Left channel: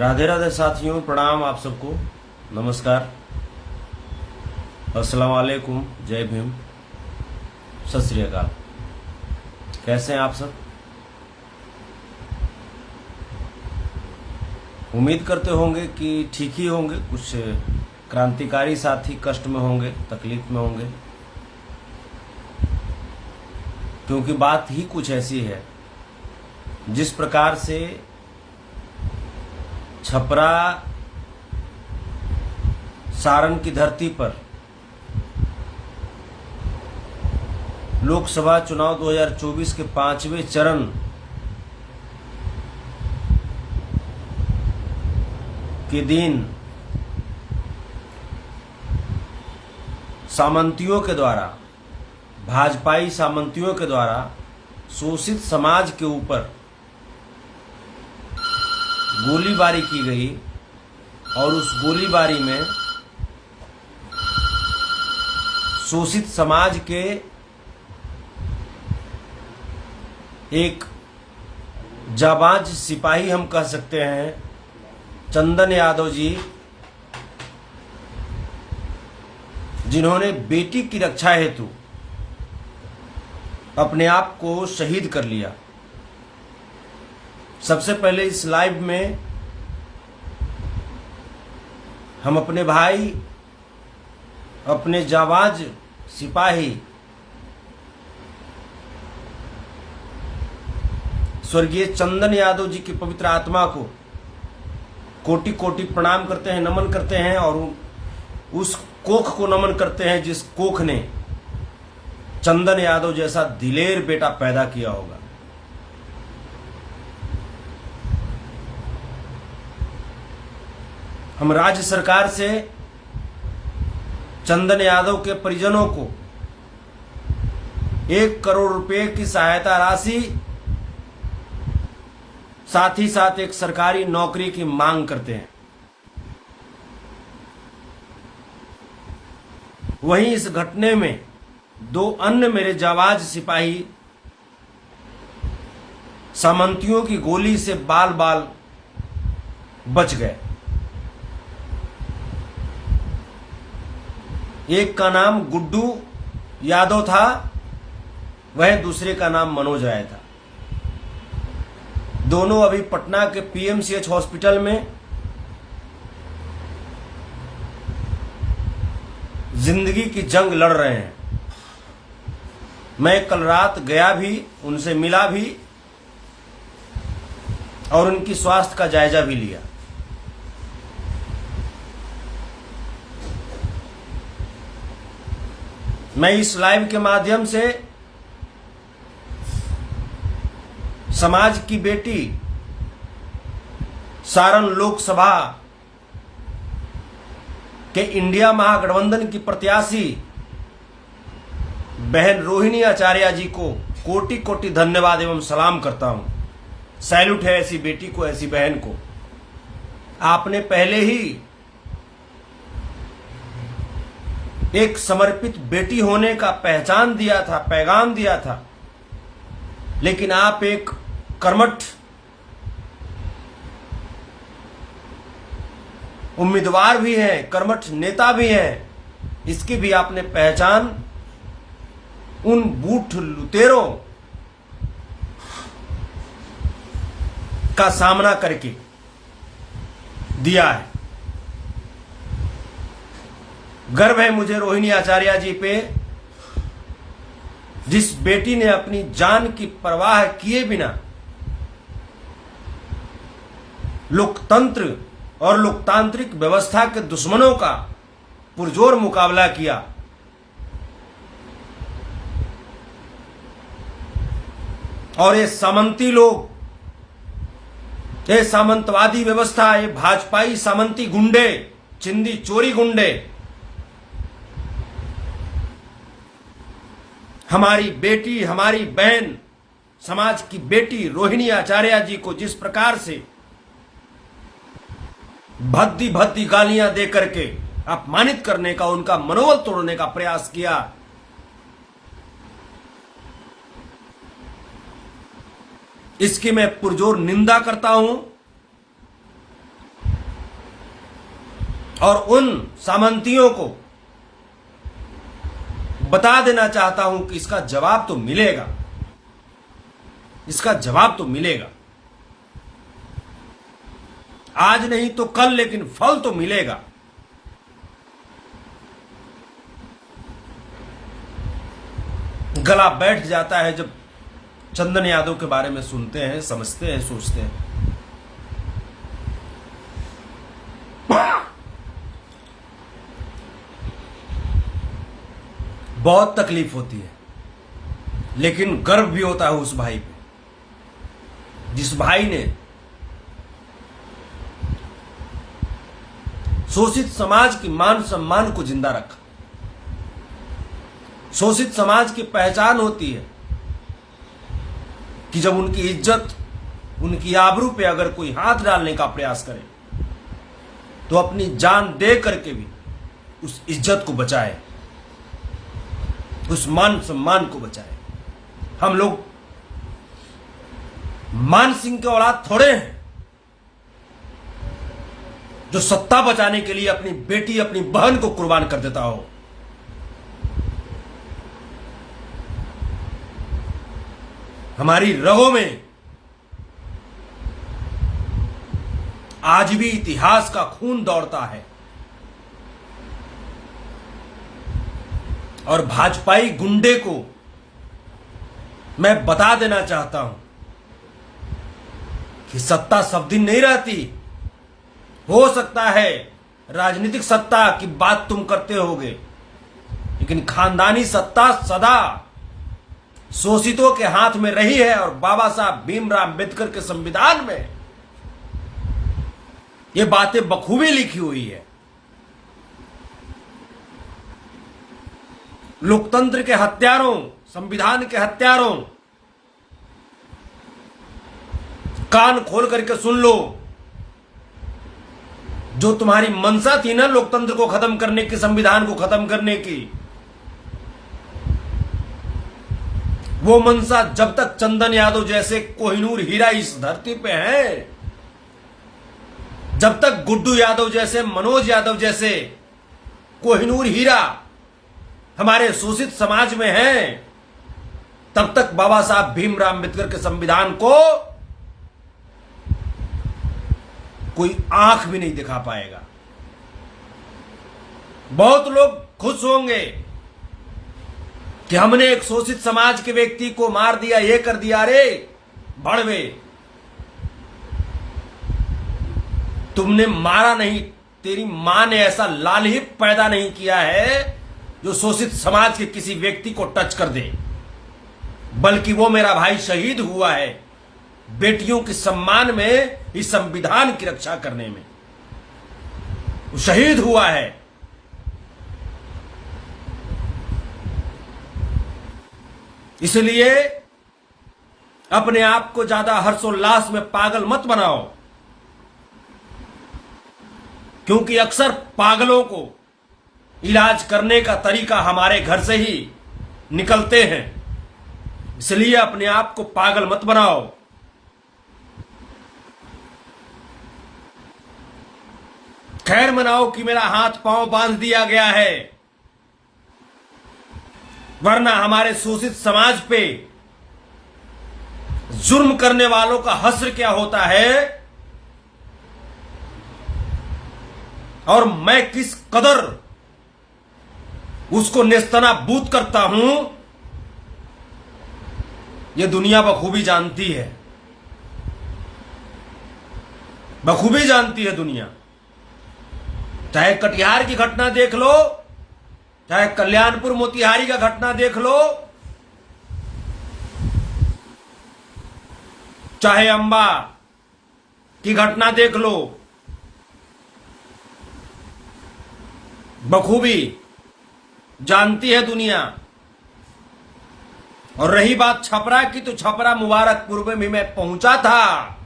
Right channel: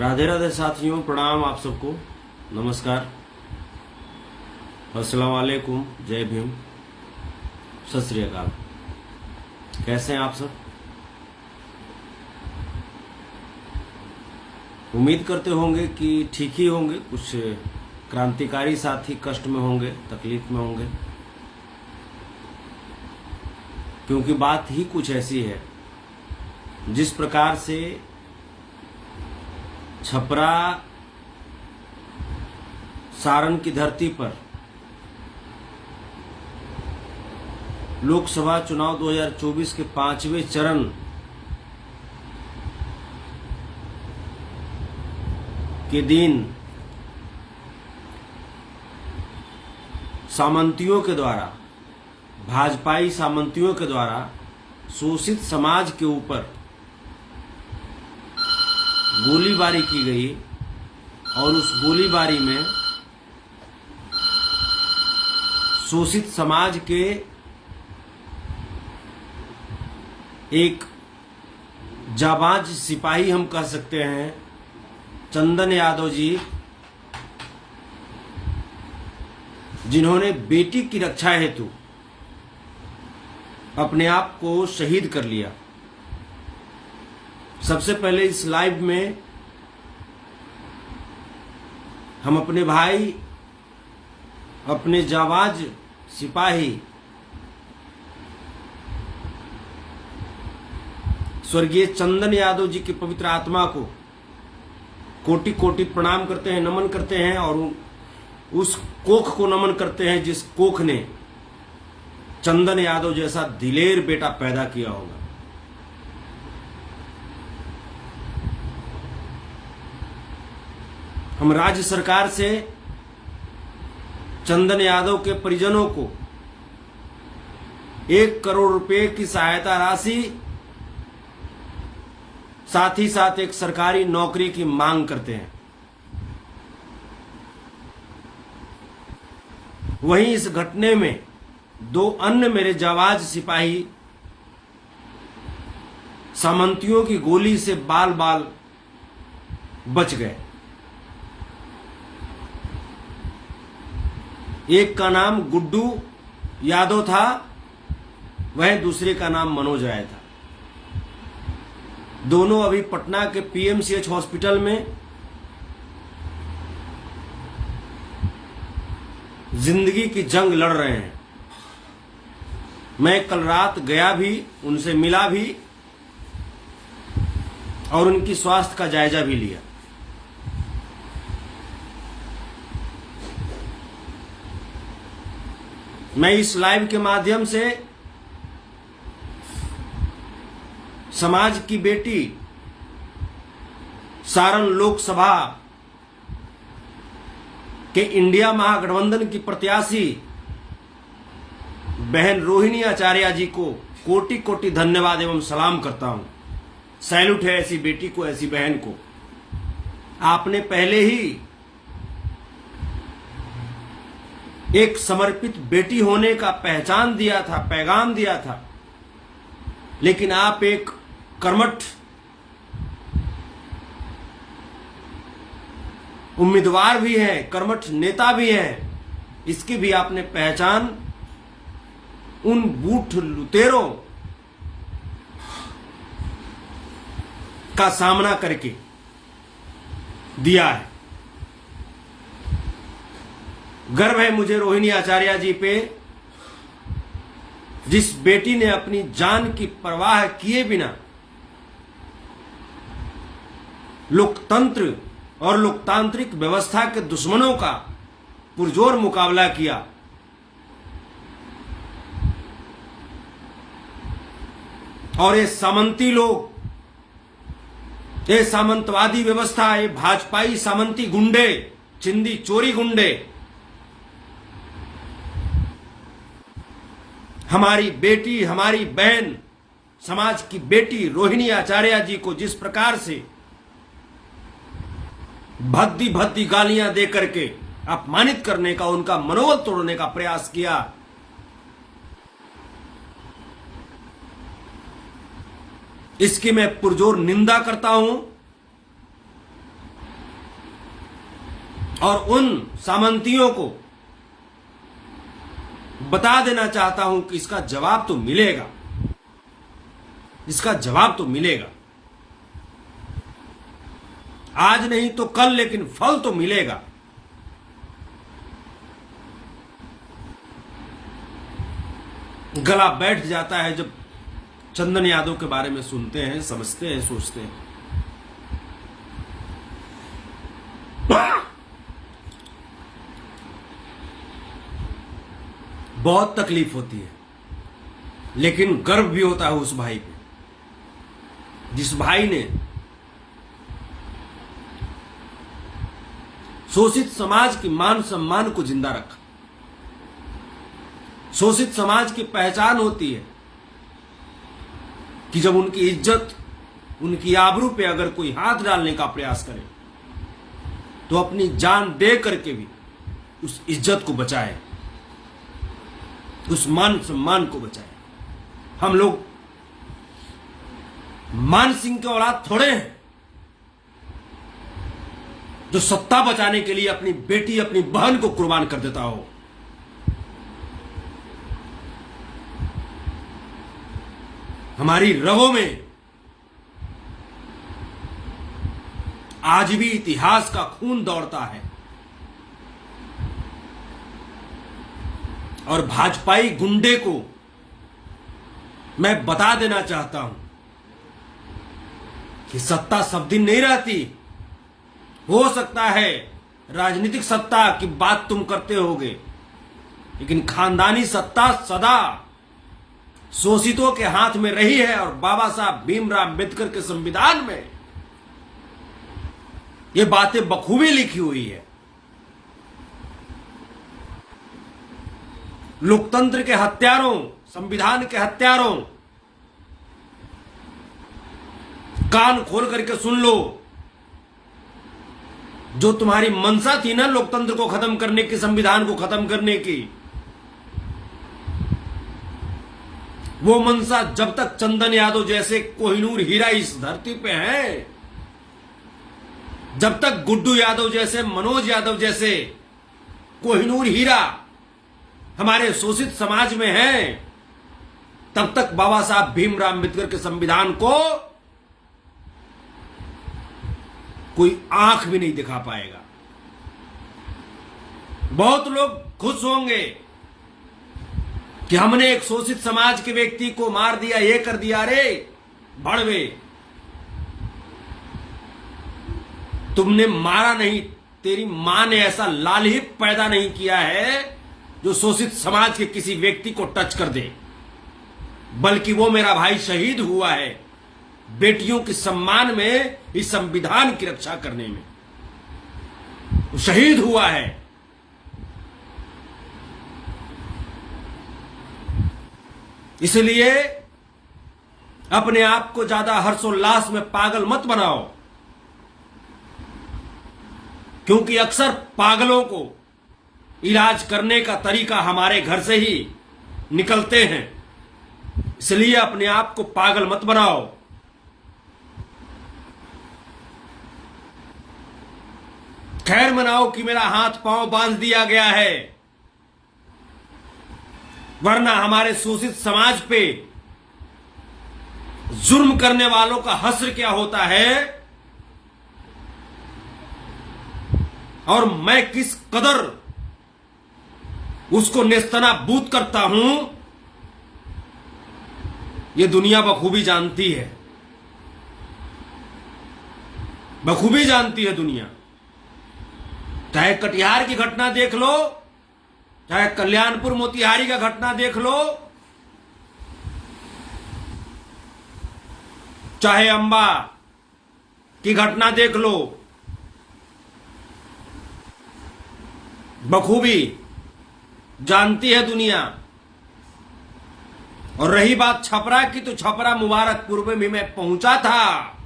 राधे राधे साथियों, प्रणाम आप सबको। नमस्कार, अस्सलाम वालेकुम, जय भीम, सत श्री अकाल। कैसे हैं आप सब? उम्मीद करते होंगे कि ठीक ही होंगे। कुछ क्रांतिकारी साथी कष्ट में होंगे, तकलीफ में होंगे, क्योंकि बात ही कुछ ऐसी है। जिस प्रकार से छपरा सारण की धरती पर लोकसभा चुनाव 2024 के 5वें चरण के दिन सामंतियों के द्वारा, भाजपाई सामंतियों के द्वारा शोषित समाज के ऊपर गोलीबारी की गई और उस गोलीबारी में शोषित समाज के एक जाबाज सिपाही, हम कह सकते हैं, चंदन यादव जी, जिन्होंने बेटी की रक्षा हेतु अपने आप को शहीद कर लिया। सबसे पहले इस लाइव में हम अपने भाई, अपने जाबाज सिपाही स्वर्गीय चंदन यादव जी की पवित्र आत्मा को कोटि कोटि प्रणाम करते हैं, नमन करते हैं, और उस कोख को नमन करते हैं जिस कोख ने चंदन यादव जैसा दिलेर बेटा पैदा किया होगा। हम राज्य सरकार से चंदन यादव के परिजनों को 1 करोड़ रुपए की सहायता राशि, साथ ही साथ एक सरकारी नौकरी की मांग करते हैं। वहीं इस घटने में 2 अन्य मेरे जाबाज सिपाही सामंतियों की गोली से बाल बाल बच गए। एक का नाम गुड्डू यादव था, वह दूसरे का नाम मनोज राय था। दोनों अभी पटना के पीएमसीएच हॉस्पिटल में जिंदगी की जंग लड़ रहे हैं। मैं कल रात गया भी, उनसे मिला भी और उनकी स्वास्थ्य का जायजा भी लिया। मैं इस लाइव के माध्यम से समाज की बेटी, सारण लोकसभा के इंडिया महागठबंधन की प्रत्याशी बहन रोहिणी आचार्य जी को कोटि कोटि धन्यवाद एवं सलाम करता हूं। सैल्यूट है ऐसी बेटी को, ऐसी बहन को। आपने पहले ही एक समर्पित बेटी होने का पहचान दिया था, पैगाम दिया था, लेकिन आप एक कर्मठ उम्मीदवार भी हैं, कर्मठ नेता भी हैं। इसकी भी आपने पहचान उन बूढ़ लुटेरों का सामना करके दिया है। गर्व है मुझे रोहिणी आचार्य जी पे, जिस बेटी ने अपनी जान की परवाह किए बिना लोकतंत्र और लोकतांत्रिक व्यवस्था के दुश्मनों का पुरजोर मुकाबला किया। और ये सामंती लोग, ये सामंतवादी व्यवस्था, ये भाजपाई सामंती गुंडे, चिंदी चोरी गुंडे हमारी बेटी, हमारी बहन, समाज की बेटी रोहिणी आचार्य जी को जिस प्रकार से भद्दी भद्दी गालियां दे करके अपमानित करने का, उनका मनोबल तोड़ने का प्रयास किया, इसकी मैं पुरजोर निंदा करता हूं। और उन सामंतियों को बता देना चाहता हूं कि इसका जवाब तो मिलेगा, इसका जवाब तो मिलेगा। आज नहीं तो कल, लेकिन फल तो मिलेगा। गला बैठ जाता है जब चंदन यादव के बारे में सुनते हैं, समझते हैं, सोचते हैं। बहुत तकलीफ होती है, लेकिन गर्व भी होता है उस भाई पे, जिस भाई ने शोषित समाज की मान सम्मान को जिंदा रखा। शोषित समाज की पहचान होती है कि जब उनकी इज्जत, उनकी आबरू पे अगर कोई हाथ डालने का प्रयास करे तो अपनी जान दे करके भी उस इज्जत को बचाए, उस मान सम्मान को बचाए। हम लोग मान सिंह के औलाद थोड़े हैं जो सत्ता बचाने के लिए अपनी बेटी, अपनी बहन को कुर्बान कर देता हो। हमारी रगों में आज भी इतिहास का खून दौड़ता है और भाजपाई गुंडे को मैं बता देना चाहता हूं कि सत्ता सब दिन नहीं रहती। हो सकता है राजनीतिक सत्ता की बात तुम करते होगे, लेकिन खानदानी सत्ता सदा शोषितों के हाथ में रही है। और बाबा साहब भीमराव अम्बेडकर के संविधान में ये बातें बखूबी लिखी हुई है। लोकतंत्र के हत्यारों, संविधान के हत्यारों, कान खोल करके सुन लो। जो तुम्हारी मंशा थी ना लोकतंत्र को खत्म करने की, संविधान को खत्म करने की, वो मंशा जब तक चंदन यादव जैसे कोहिनूर हीरा इस धरती पे हैं, जब तक गुड्डू यादव जैसे, मनोज यादव जैसे कोहिनूर हीरा हमारे शोषित समाज में हैं, तब तक बाबा साहब भीमराव अम्बेडकर के संविधान को कोई आंख भी नहीं दिखा पाएगा। बहुत लोग खुश होंगे कि हमने एक शोषित समाज के व्यक्ति को मार दिया, ये कर दिया। रे भड़वे, तुमने मारा नहीं, तेरी मां ने ऐसा लाल ही पैदा नहीं किया है जो शोषित समाज के किसी व्यक्ति को टच कर दे, बल्कि वो मेरा भाई शहीद हुआ है बेटियों के सम्मान में, इस संविधान की रक्षा करने में वो शहीद हुआ है। इसलिए अपने आप को ज्यादा हर्षोल्लास में पागल मत बनाओ, क्योंकि अक्सर पागलों को इलाज करने का तरीका हमारे घर से ही निकलते हैं। इसलिए अपने आप को पागल मत बनाओ। खैर मनाओ कि मेरा हाथ पांव बांध दिया गया है, वरना हमारे शोषित समाज पे जुर्म करने वालों का हश्र क्या होता है और मैं किस कदर उसको नेस्तनाबूद करता हूं, यह दुनिया बखूबी जानती है, बखूबी जानती है दुनिया। चाहे कटिहार की घटना देख लो, चाहे कल्याणपुर मोतिहारी का घटना देख लो, चाहे अंबा की घटना देख लो, बखूबी जानती है दुनिया। और रही बात छपरा की, तो छपरा मुबारकपुर में भी मैं पहुंचा था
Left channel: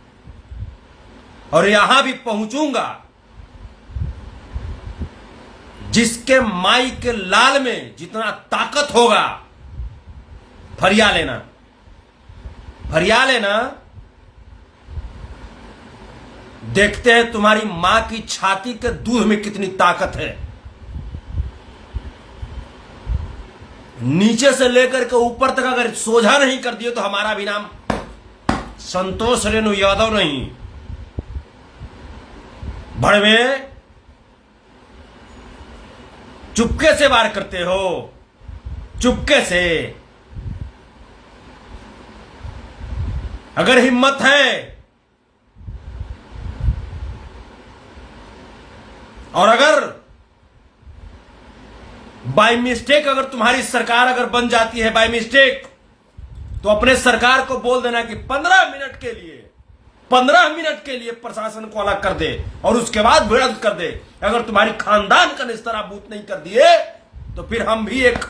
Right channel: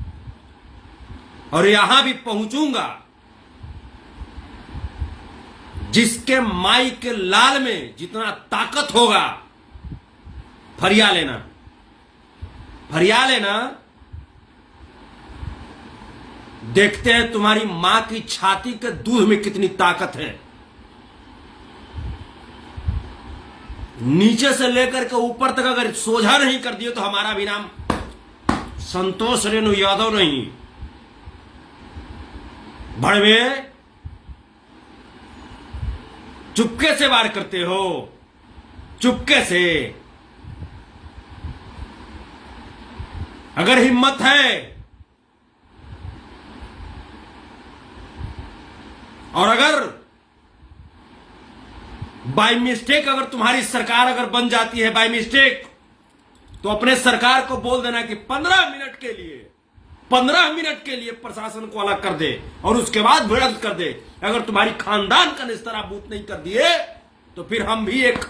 और यहां भी पहुंचूंगा। जिसके माई के लाल में जितना ताकत होगा, फरिया लेना, फरिया लेना। देखते हैं तुम्हारी मां की छाती के दूध में कितनी ताकत है। नीचे से लेकर के ऊपर तक अगर सोझा नहीं कर दिए तो हमारा भी नाम संतोष रेणु यादव नहीं। भड़वे चुपके से वार करते हो, चुपके से। अगर हिम्मत है और अगर बाय मिस्टेक अगर तुम्हारी सरकार अगर बन जाती है बाय मिस्टेक, तो अपने सरकार को बोल देना कि 15 मिनट के लिए प्रशासन को अलग कर दे और उसके बाद भिड़ंत कर दे। अगर तुम्हारी खानदान का निस्तराबूत नहीं कर दिए तो फिर हम भी एक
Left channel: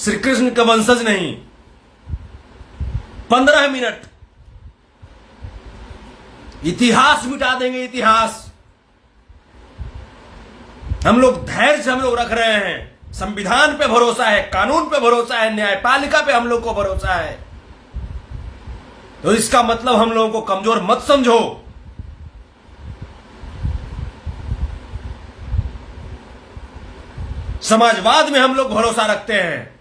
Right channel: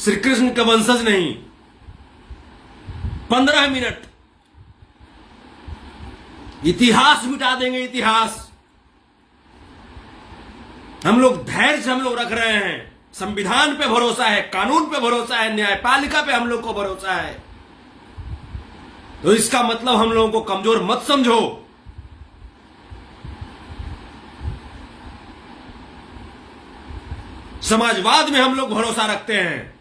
श्री कृष्ण के वंशज नहीं। 15 मिनट इतिहास मिटा देंगे, इतिहास। हम लोग धैर्य से हम लोग रख रहे हैं, संविधान पे भरोसा है, कानून पे भरोसा है, न्यायपालिका पे हम लोग को भरोसा है। तो इसका मतलब हम लोगों को कमजोर मत समझो। समाजवाद में हम लोग भरोसा रखते हैं।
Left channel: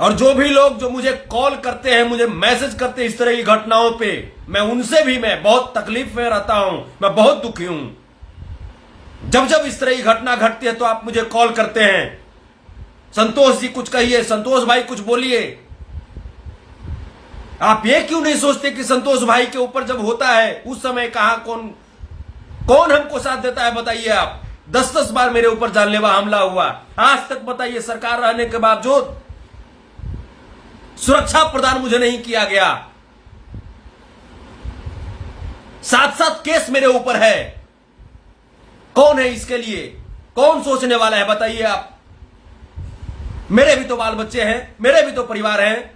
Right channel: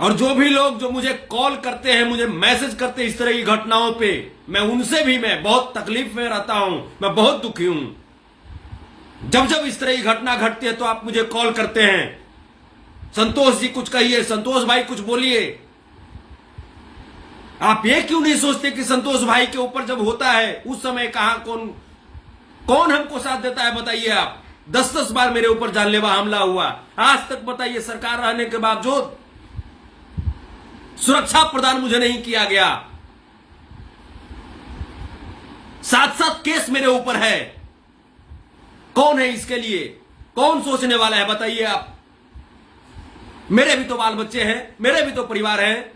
और जो भी लोग जो मुझे कॉल करते हैं, मुझे मैसेज करते हैं इस तरह की घटनाओं पे, मैं उनसे भी मैं बहुत तकलीफ में रहता हूं, मैं बहुत दुखी हूं। जब जब इस तरह की घटना घटती है तो आप मुझे कॉल करते हैं, संतोष जी कुछ कहिए, संतोष भाई कुछ बोलिए। आप ये क्यों नहीं सोचते कि संतोष भाई के ऊपर जब होता है उस समय कहां कौन हमको साथ देता है? बताइए आप। 10-10 बार मेरे ऊपर जानलेवा हमला हुआ, आज तक बताइए सरकार रहने के बावजूद सुरक्षा प्रदान मुझे नहीं किया गया। 7-7 केस मेरे ऊपर है। कौन है इसके लिए? कौन सोचने वाला है? बताइए आप। मेरे भी तो बाल बच्चे हैं, मेरे भी तो परिवार हैं।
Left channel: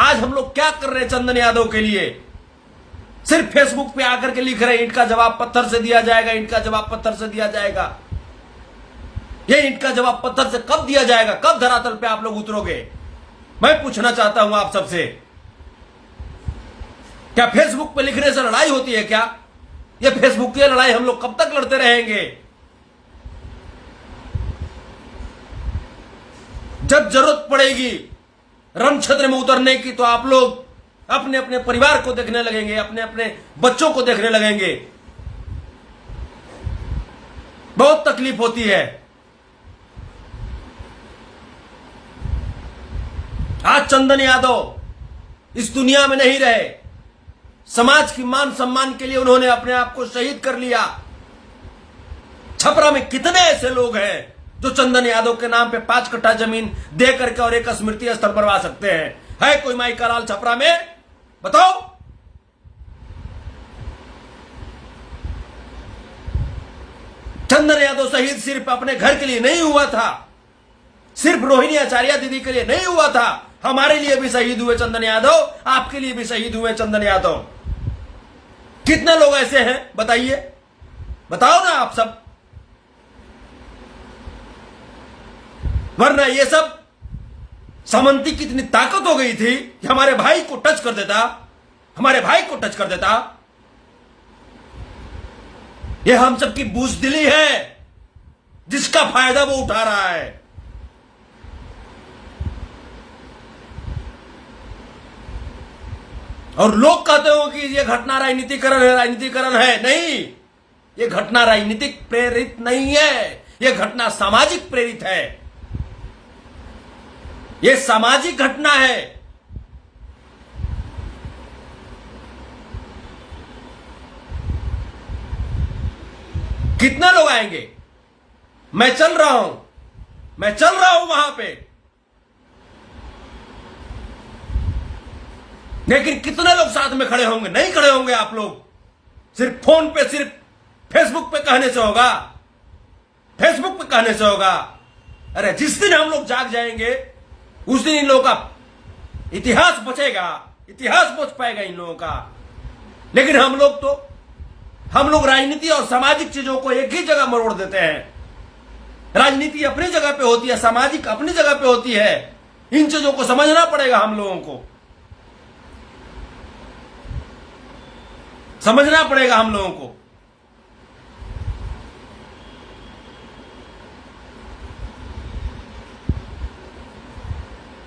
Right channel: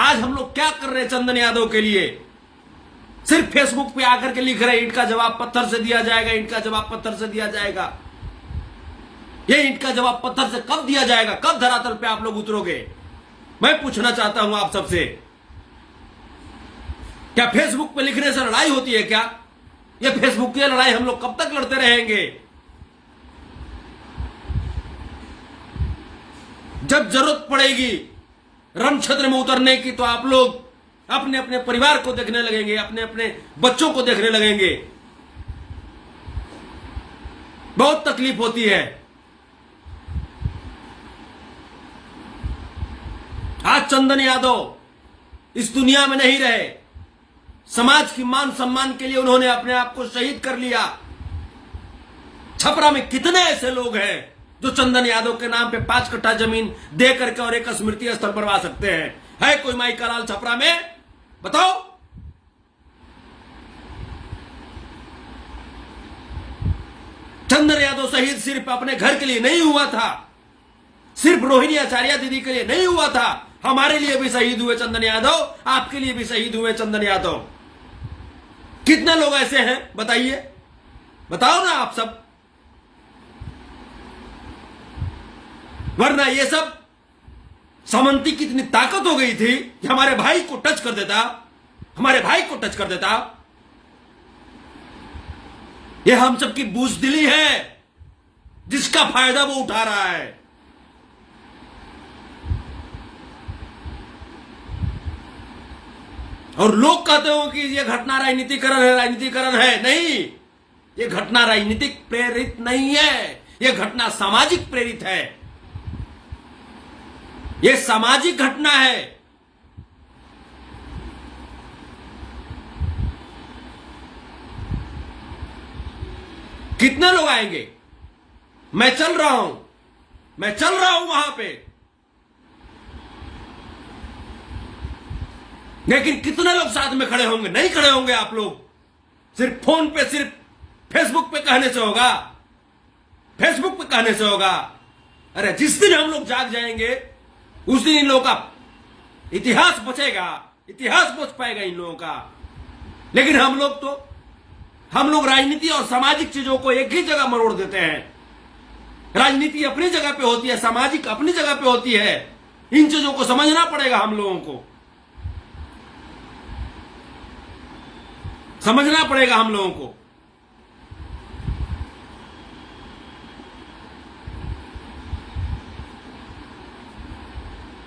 आज हम लोग क्या कर रहे हैं चंदन यादव के लिए? सिर्फ फेसबुक पे आकर के लिख रहे हैं ईंट का जवाब पत्थर से दिया जाएगा, ईंट का जवाब पत्थर से दिया जाएगा। ये ईंट का जवाब पत्थर से कब दिया जाएगा? कब धरातल पे आप लोग उतरोगे? मैं पूछना चाहता हूं आप सबसे। क्या फेसबुक पे लिखने से लड़ाई होती है क्या? ये फेसबुक की लड़ाई हम लोग कब तक लड़ते रहेंगे? जब जरूरत पड़ेगी रण क्षेत्र में उतरने की तो आप लोग अपने अपने परिवार को देखने लगेंगे, अपने अपने बच्चों को देखने लगेंगे। बहुत तकलीफ होती है। आज चंदन यादव इस दुनिया में नहीं रहे। समाज की मान सम्मान के लिए उन्होंने अपने आप को शहीद कर लिया। छपरा में कितने ऐसे लोग हैं जो चंदन यादव के नाम पे 5 कट्ठा जमीन दे करके और एक स्मृति स्थल बनवा सकते हैं? है कोई माई का लाल छपरा में? बताओ। चंदन यादव शहीद सिर्फ अपने घर के लिए नहीं हुआ था, सिर्फ रोहिणी आचार्य दीदी के लिए नहीं हुआ था, हमारे लिए भी शहीद हुए चंदन यादव, आपके लिए भी शहीद हुए चंदन यादव। कितने लोग ऐसे हैं बताइए? बताओ ना आप सब। वरना ये सब सामंती की इतनी ताकत हो गई थी कि हमारे भाई को टच कर देता, हमारे भाई को टच कर देता। ये हम सब की बुज़दिली है जिसका फायदा वो उठा रहा है। और लोग कहते हो कि ये घटना राजनीतिकरण है, राजनीतिकरण है। नहीं, ये घटना राजनीतिक प्रेरित नहीं है, ये घटना सामाजिक प्रेरित है। ये सामाजिक घटना है। कितने लोग आएंगे? मैं चल रहा हूं वहां पे, लेकिन कितने लोग साथ में खड़े होंगे? नहीं खड़े होंगे आप लोग। सिर्फ फोन पे, सिर्फ फेसबुक पे कहने से होगा, फेसबुक पे कहने से होगा। अरे जिस दिन हम लोग जाग जाएंगे उस दिन इन लोगों का इतिहास बचेगा, इतिहास बच पाएगा इन लोगों का। लेकिन हम लोग राजनीति और सामाजिक चीजों को एक ही जगह मरोड़ देते हैं। राजनीति अपनी जगह पे होती है, सामाजिक अपनी जगह पे होती है। इन चीजों को समझना पड़ेगा, हम लोगों को समझना पड़ेगा हम लोगों को।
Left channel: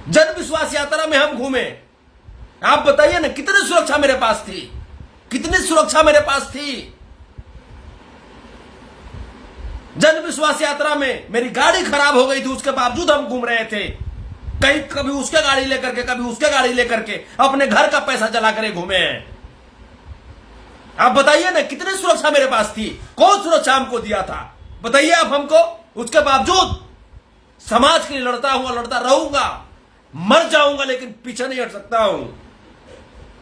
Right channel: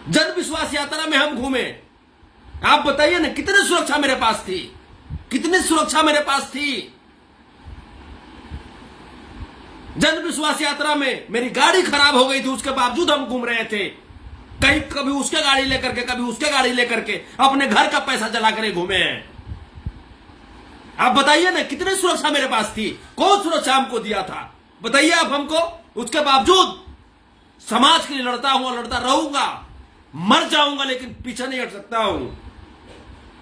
जन विश्वास यात्रा में हम घूमे, आप बताइए ना कितनी सुरक्षा मेरे पास थी, कितनी सुरक्षा मेरे पास थी। जन विश्वास यात्रा में मेरी गाड़ी खराब हो गई थी, उसके बावजूद हम घूम रहे थे। कहीं कभी उसके गाड़ी लेकर के, कभी उसके गाड़ी लेकर के, अपने घर का पैसा जला कर घूमे हैं। आप बताइए ना कितनी सुरक्षा मेरे पास थी, कौन सुरक्षा हमको दिया था, बताइए आप हमको। उसके बावजूद समाज के लिए लड़ता हूं, लड़ता रहूंगा, मर जाऊंगा, लेकिन पीछे नहीं हट सकता हूं।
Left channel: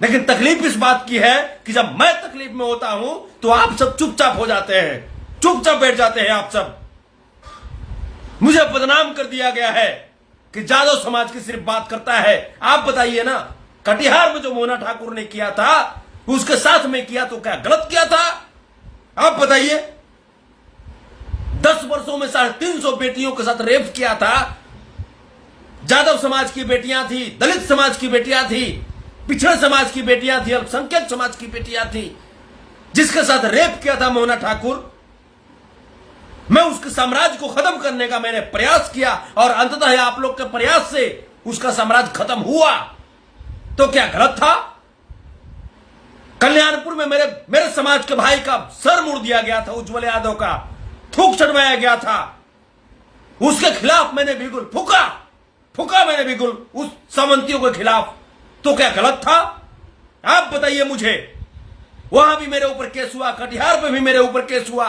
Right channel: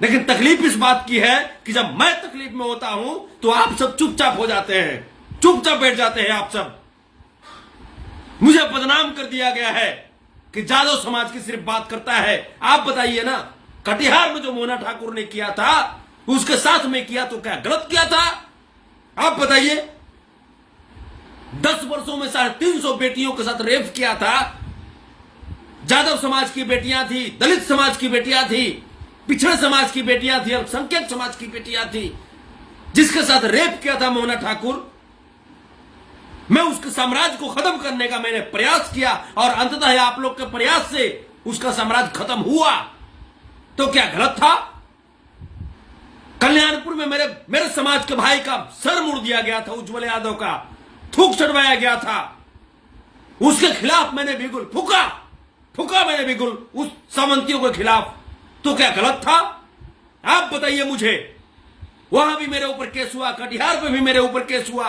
लेकिन तकलीफ इस बात की है कि जब मैं तकलीफ में होता हूं तो आप सब चुपचाप हो जाते हैं, चुपचाप बैठ जाते हैं आप सब। मुझे बदनाम कर दिया गया है कि यादव समाज की सिर्फ बात करता है। आप बताइए ना, कटिहार में जो मोना ठाकुर ने किया था, उसके साथ में किया तो क्या गलत किया था? आप बताइए। 10 वर्षों में 350 बेटियों के साथ रेप किया था। यादव समाज की बेटियां थी, दलित समाज की बेटियां थी, पिछड़े समाज की बेटियां थी, अल्पसंख्यक समाज की बेटियां थी, जिसके साथ रेप किया था मोना ठाकुर। मैं उसके साम्राज्य को खत्म करने का मैंने प्रयास किया और अंततः आप लोग के प्रयास से उसका साम्राज्य खत्म हुआ। तो क्या गलत था? कल्याणपुर में मेरे समाज के भाई का सर मुड़ दिया गया था, उज्जवल यादव का थूक चढ़वाया गया था। उसके खिलाफ मैंने बिल्कुल फूका मैंने बिल्कुल उस सामंतियों के खिलाफ। तो क्या गलत था? आप बताइए मुझे। वहां भी मेरे ऊपर केस हुआ, कटिहार पे भी मेरे ऊपर केस हुआ,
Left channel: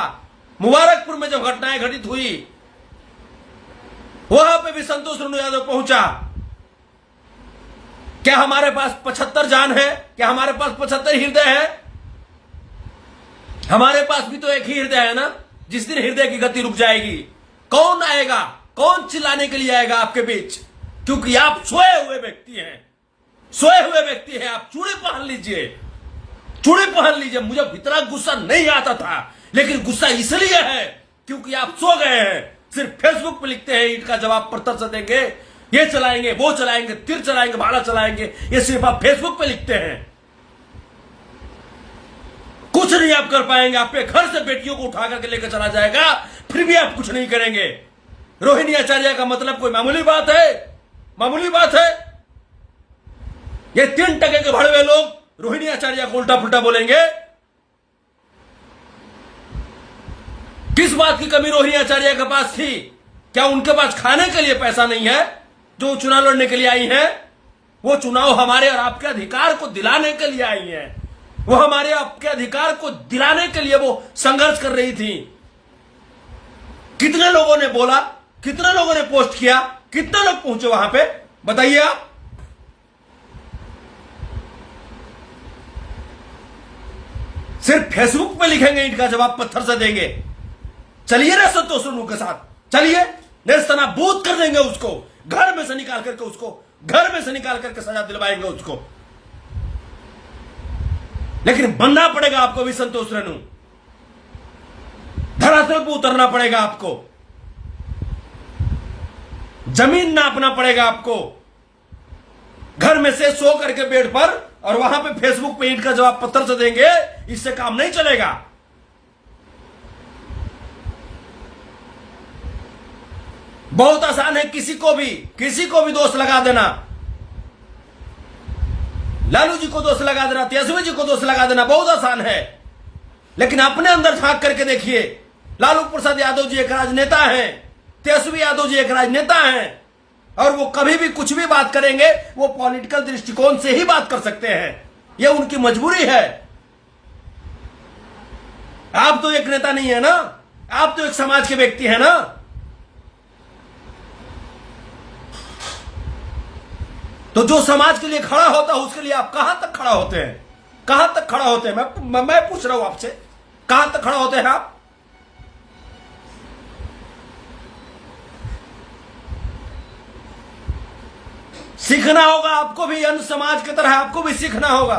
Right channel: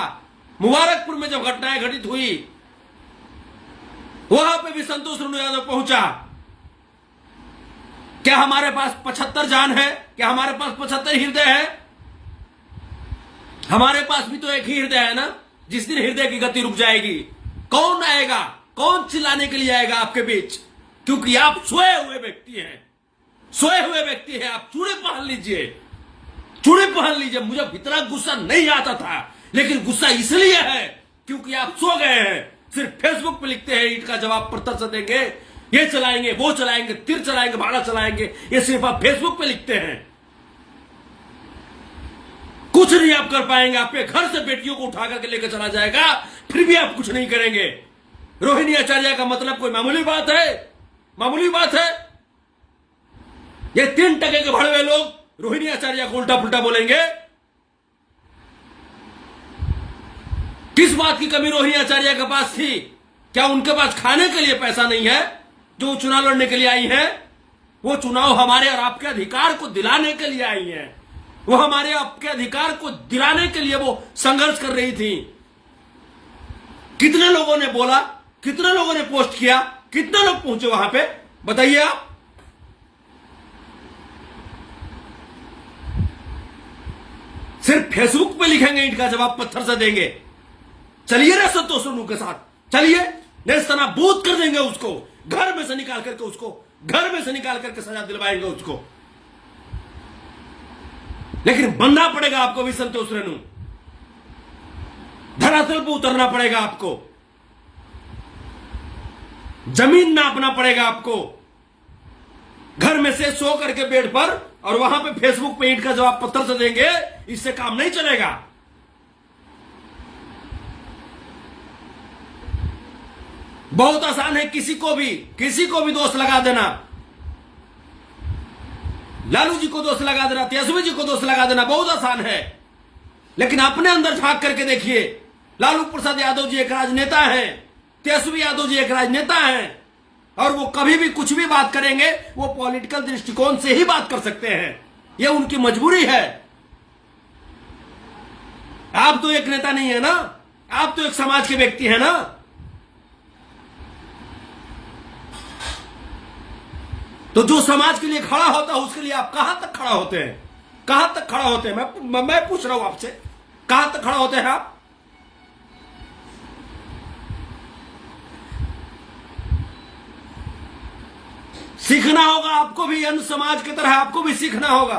मुबारकपुर में जब घटनाएं घटित हुई वहां पे भी संतोष रेणु यादव पहुंचा। क्या हमारे पास 75 जान है? क्या हमारे पास 75 हृदय है? हमारे पास भी तो एक ही हृदय है ना। जिस दिन हृदय की गति रुक जाएगी, कौन आएगा, कौन चिल्लाने के लिए आएगा आपके बीच? क्योंकि आप सोए हुए व्यक्ति हैं, सोए हुए व्यक्ति हैं। आप चूड़ी पहन लीजिए, चूड़ी पहन लीजिए। मुझे इतना गुस्सा नहीं आता था, लेकिन गुस्सा इसलिए है क्योंकि आप सो गए हैं। सिर्फ फेसबुक पे लिखते हैं ईंट का जवाब पत्थर से देंगे, ये चलाएंगे, वो चलाएंगे, तीर चलाएंगे, भाड़ा चलाएंगे। ये सिर्फ आप फेसबुक पे लिखते हैं, कुछ नहीं आप कर पाएंगे। आपके घर से बेटियों को उठा करके लेकर चला जाएगा, फिर भी आप कुछ नहीं करेंगे। रोहिणी आचार्य का मतलब कोई मामूली बात है? मामूली बात है? ये 3 टके के भड़वे लोग रोहिणी आचार्य को उल्टा पुल्टा बोलेंगे। किस बात की कमी रोहिणी आचार्य के पास थी? क्या उनके पास खाने के लिए पैसा नहीं है जो चुनाव लड़ने के लिए आई हैं? वो चुनाव हमारे और आपके अधिकार को दिलाने के लिए आई हैं। वो हमारे आपके अधिकार को दिलाने के लिए वो संघर्ष कर रही थी। कितने लोगों ने बोला, कितने लोगों ने पोस्ट किया, कितने लोग पहुंचे वहां पे, बताइए आप। सिर्फ फेसबुक पे लिखेंगे ईंट का जवाब पत्थर से देंगे। चलिए ना संतोष रेणु के साथ, चलिए, नेस्तनाबूद कर देंगे उसको, घर में से निकाल करके उसको, घर में से निकाल करके सजा दिलवाएंगे उसको। लेकिन बनना पड़ेगा आपको भी संतोष रेणु, धरातल पर उतरना पड़ेगा आपको, जमीन नापना पड़ेगा आपको। घर में से सो करके बेड पर और वहां पे फेसबुक पे ईंट का जवाब पत्थर से देंगे, इससे काम नहीं चलेगा। बहुत आसान है किसी को भी दोष लगा देना। लालू जी को दोष लगा देना, तेजस्वी जी को दोष लगा देना बहुत आसान है। लेकिन अपने अंदर झांक करके देखिए, लालू प्रसाद यादव जी एक राजनेता हैं, तेजस्वी यादव जी एक राजनेता हैं, और वो कभी भी कुछ भी बात करेंगे वो पॉलिटिकल दृष्टिकोण से ही बात कर सकते हैं। ये उनकी मजबूरी है। आप तो एक नेता नहीं है ना, आप तो एक समाज के व्यक्ति हैं ना। तो जो समाज के लिए खड़ा होता है उसके लिए आप कहां तक खड़ा होते हैं? कहां तक खड़ा होते हैं? मैं पूछ रहा हूं आपसे, कहां तक खड़ा होते हैं आप? सीखना होगा आपको भी, अन्य समाज की तरह आपको भी सीखना होगा।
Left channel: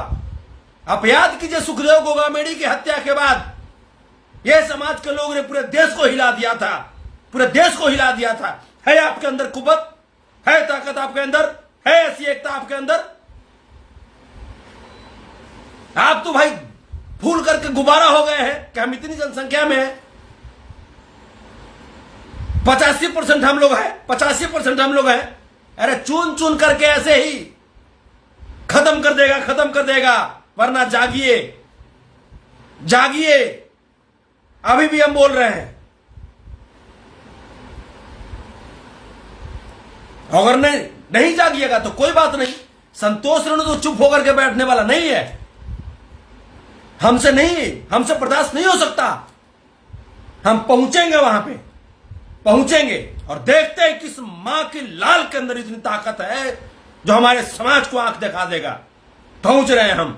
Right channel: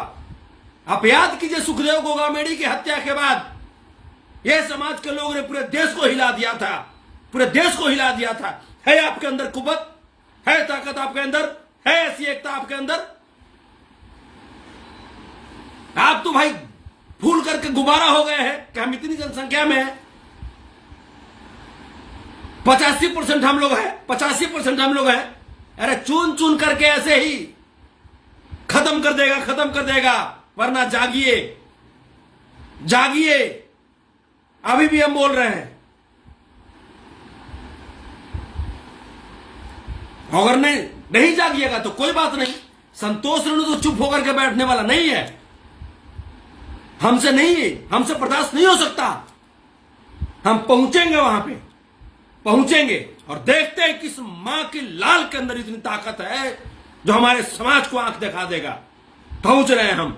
आप याद कीजिए, सुखदेव गोगामेड़ी की हत्या के बाद यह समाज के लोगों ने पूरे देश को हिला दिया था। पूरे देश को हिला दिया था। है आपके अंदर कुवत, है ताकत आपके अंदर, है ऐसी एकता आपके अंदर? आप तो भाई फूल करके गुब्बारा हो गए हैं कि हम इतनी जनसंख्या में हैं, 85% हम लोग हैं, 85% हम लोग हैं। अरे चुन चुन करके ऐसे ही खत्म कर देगा, खत्म कर देगा। वरना जागिए, जागिए, अभी भी हम बोल रहे हैं। अगर नहीं जागिएगा तो कोई बात नहीं, संतोष रेणु तो चुप होकर के बैठने वाला नहीं है। हमसे बर्दाश्त नहीं हो सकता। हम पहुंचेंगे, वहां पे पहुंचेंगे और देखते हैं किस मां की लाल के अंदर इतनी ताकत है जो हमारे समाज को आंख दिखा देगा। पहुंच रहे हैं हम,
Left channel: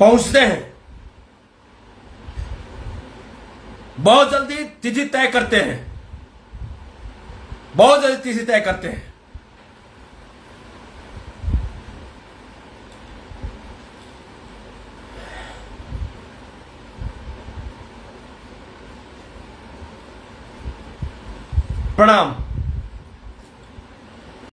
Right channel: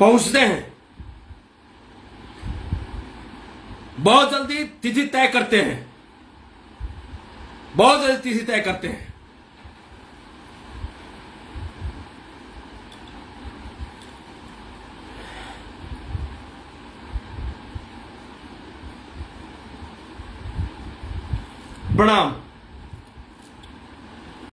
पहुंचते हैं। बहुत जल्दी तिथि तय करते हैं, बहुत जल्दी तिथि तय करते हैं। प्रणाम।